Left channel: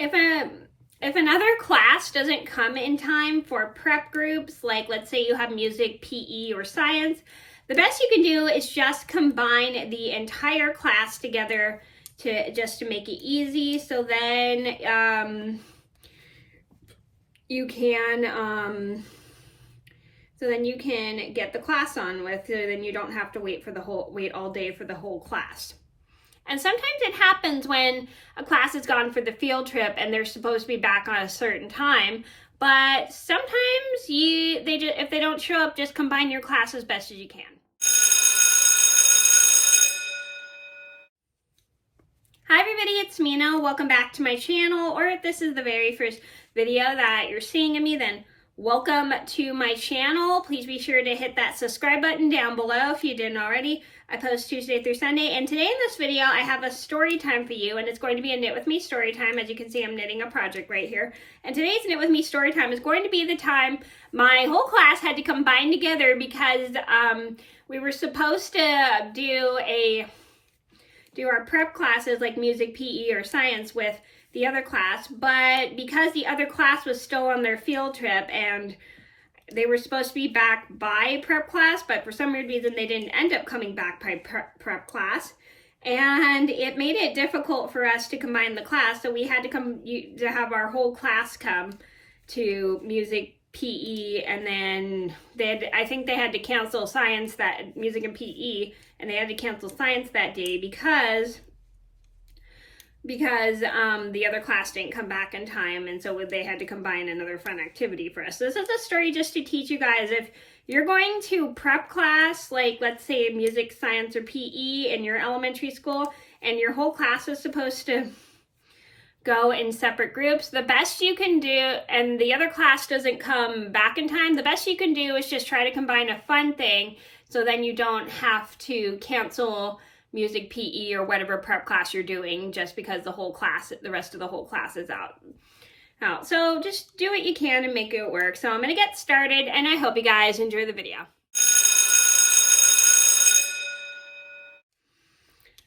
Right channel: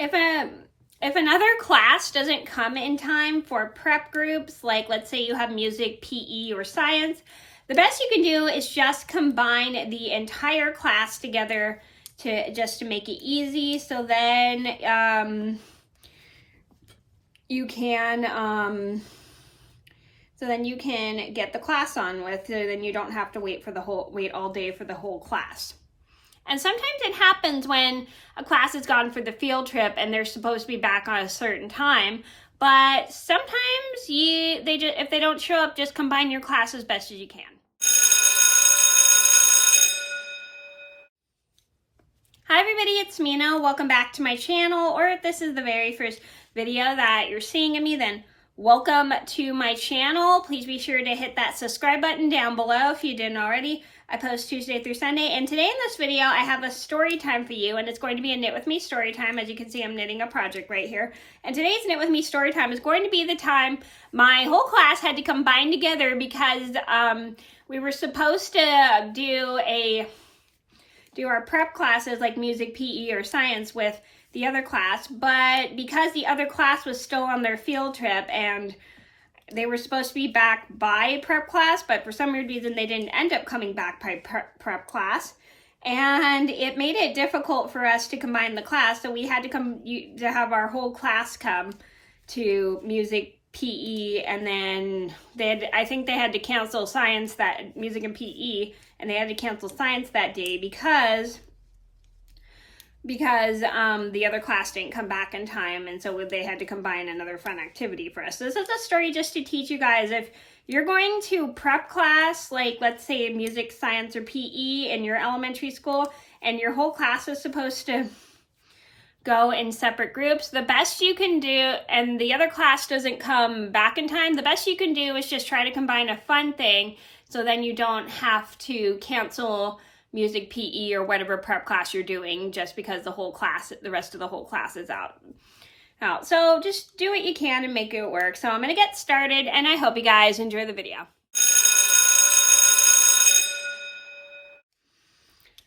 if another class doesn't come in time for prep groups, like let's say you have music, PE, or science, the best you can do is just combine the entire class together to make it easy. So then you can get the class on with. So then you don't have to wait all day for the whole class. And sometimes it happens when a class is gone for the field trip and they're supposed to be back on a certain time. But sometimes if they don't show up, just combine your class as best as you can. Hi everybody, it's Mena. Welcome back to my channel, or if this is the very first video that you're seeing of me, then welcome to my channel. Please be sure to hit that subscribe button down below if you didn't already. I post Tuesday through Sunday, and today in this video I have a story time for you, and it's going to be a Knit With Me story time. As you can see, I'm knitting a project right here. And today's Knit With Me story time is going to be the time my whole class had to combine together because we were supposed to do our prep classes like music, PE, or science with the other class, but because the other class was still on their field trip and they were supposed to be back by prep class, but for some weird reason they didn't end up coming back by prep class, and it made it difficult for us to combine the class, so we had to have our whole class come to music, PE, and then I think they had to cancel science, that music and PE, and they had to cancel science that day because the other class didn't come back in time, and so they had to combine another fun activity for us. So this is a story just to teach you guys, if you're going to prep class, like let's say music, science, or PE in your elementary school, and your whole class is supposed to go in separate groups, the best you can do, and the other class doesn't come back in time, the best you can do is just try to combine a fun thing, so then you don't have to cancel music, PE, or whatever prep class you're doing just because the rest of the whole class is out. So just do what you can and make it work. So I'm going to get started, and I hope you guys enjoy the video.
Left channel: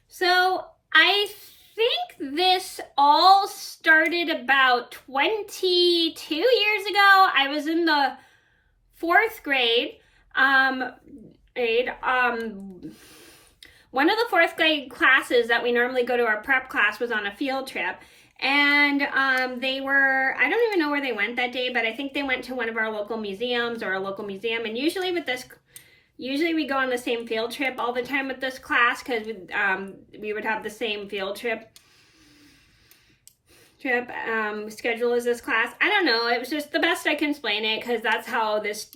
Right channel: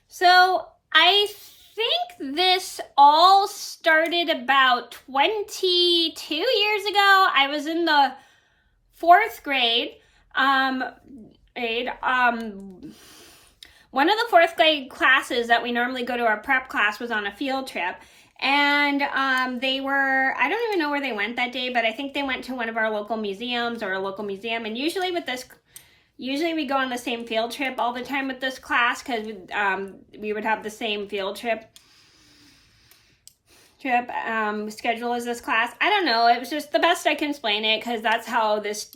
So I think this all started about 22 years ago. I was in the 4th grade. One of the 4th grade classes that we normally go to, our prep class, was on a field trip, and I don't even know where they went that day, but I think they went to one of our local museums or a local museum. And usually we go on the same field trip all the time with this class, because we would have the same field trip schedule as this class. I don't know, it was just the best I can explain it, because that's how this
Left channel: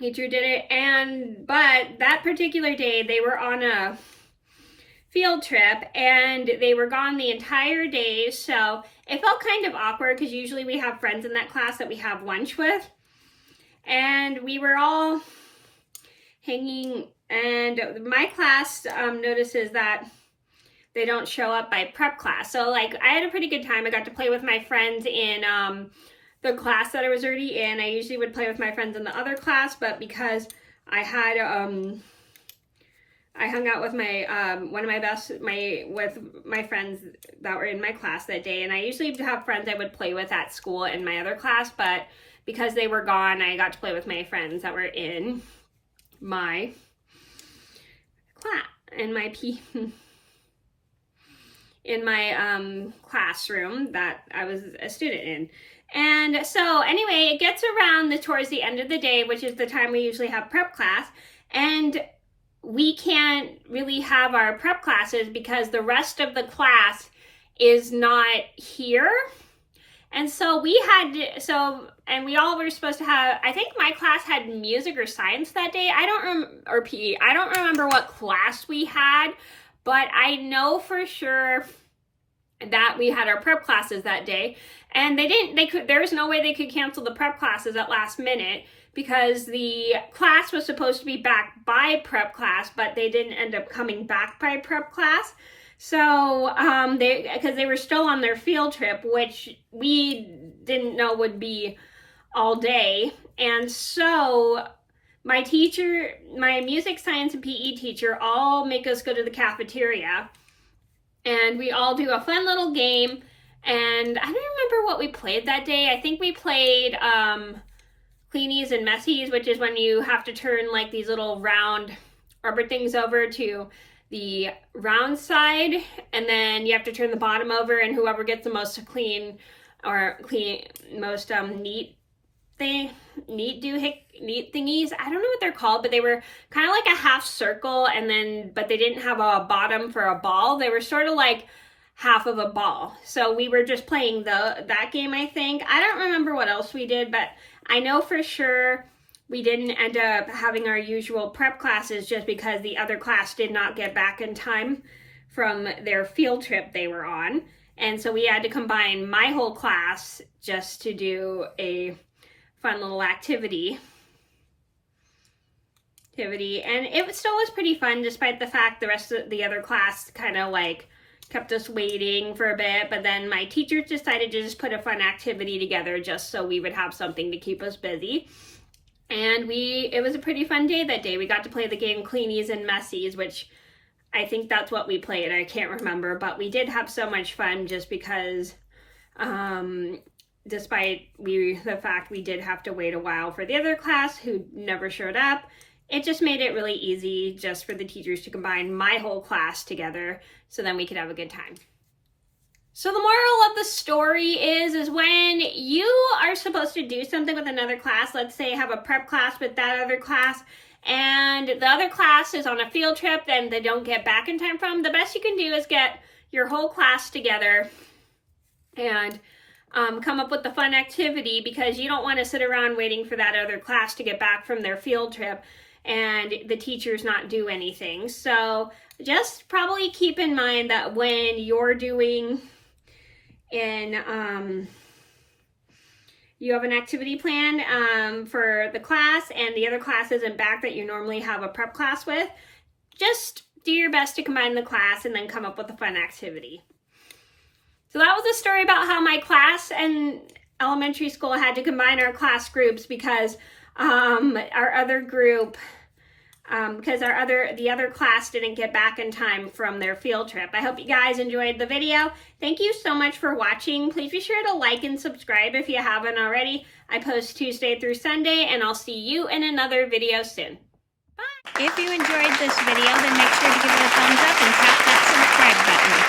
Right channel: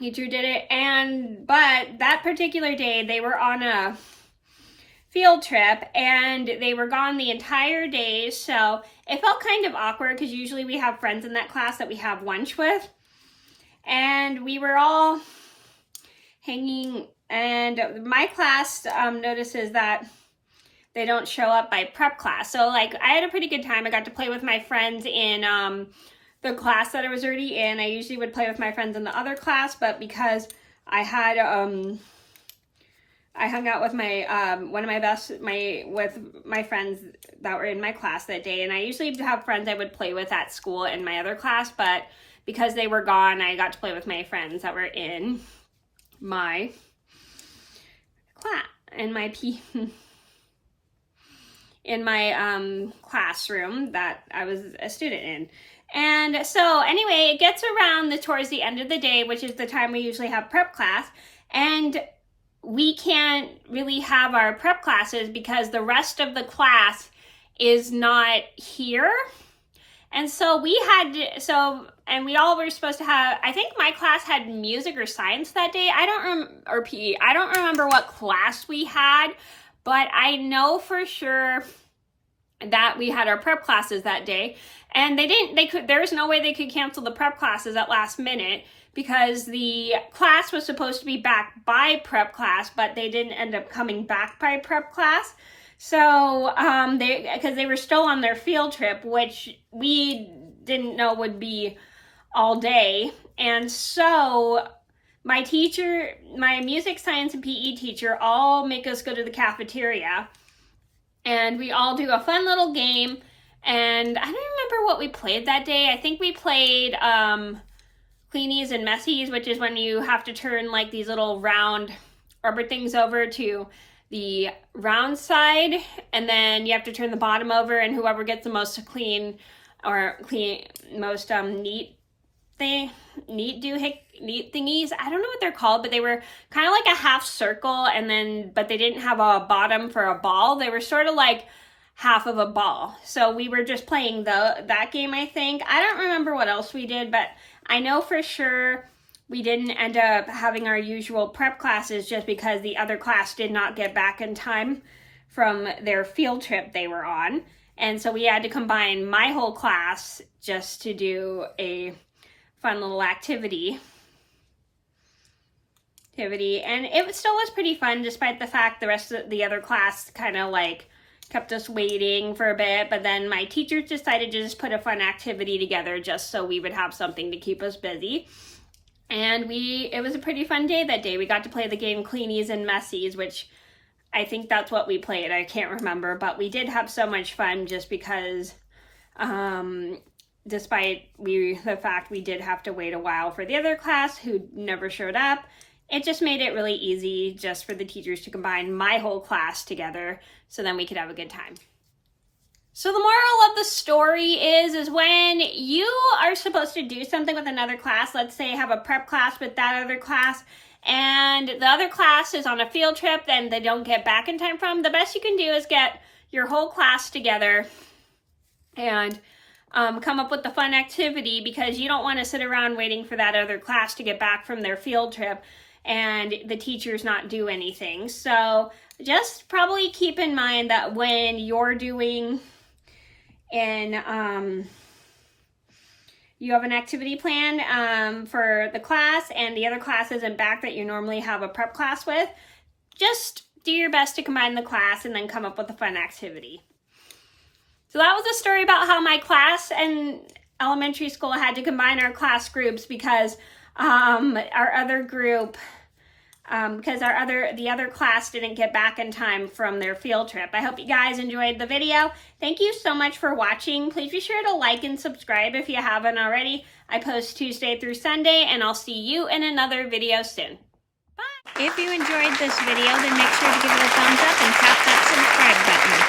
teacher did it. But that particular day they were on a field trip and they were gone the entire day, so it felt kind of awkward because usually we have friends in that class that we have lunch with, and we were all hanging, and my class notices that they don't show up by prep class. So like, I had a pretty good time. I got to play with my friends in the class that I was already in. I usually would play with my friends in the other class, but because I had I hung out with with my friends that were in my class that day, and I usually have friends I would play with at school in my other class, but because they were gone, I got to play with my friends that were in my class, in my classroom that I was a student in. And so anyway, it gets around towards the end of the day, which is the time we usually have prep class, and we can't really have our prep classes because the rest of the class is not here. And so we all were supposed to have, I think my class had music or science that day. Or PE. I don't remember what class we had, but I know for sure that we had our prep classes that day. And there was no way they could cancel the prep classes at last minute, because the class was supposed to be back by prep class, but they didn't end up coming back by prep class. So, because they were still on their field trip, which we didn't know would be all day. And so my music, science, and PE teacher all make us go to the cafeteria, and we all do a fun little game. And I don't remember what we played that day. I think we played Cleanies and Messies, which is when you have to turn like these little round rubber things over to the round side, and then you have to turn the bottom over, and whoever gets the most clean or most neat thingies. I don't know what they're called, but they were kind of like a half circle, and then but they didn't have a bottom for a ball. They were sort of like half of a ball. So we were just playing that game, I think. I don't remember what else we did, but I know for sure we didn't end up having our usual prep classes just because the other class did not get back in time from their field trip they were on. And so we had to combine my whole class just to do a fun little activity. And it still was pretty fun, despite the fact the rest of the other class kind of like kept us waiting for a bit. But then my teachers decided to just put a fun activity together just so we would have something to keep us busy. And it was a pretty fun day that day. We got to play the game Cleanies and Messies, which I think that's what we played. I can't remember, but we did have so much fun just because, despite the fact we did have to wait a while for the other class who never showed up, it just made it really easy just for the teachers to combine my whole class together so then we could have a good time. So the moral of the story is when you are supposed to do something with another class, let's say have a prep class with that other class, and the other class is on a field trip and they don't get back in time from, the best you can do is get your whole class together and come up with a fun activity, because you don't want to sit around waiting for that other class to get back from their field trip and the teachers not do anything. So just probably keep in mind that when you're doing you have an activity plan for the class and the other class isn't back that you normally have a prep class with, just do your best to combine the class and then come up with a fun activity. So that was a story about how my class and elementary school had to combine our class groups because our other group, the other class didn't get back in time from their field trip. I hope you guys enjoyed the video. Thank you so much for watching. Please be sure to like and subscribe if you haven't already. I post Tuesday through Sunday, and I'll see you in another video soon. Bye. If you enjoyed this video, then make sure to give it a thumbs up and tap that subscribe button.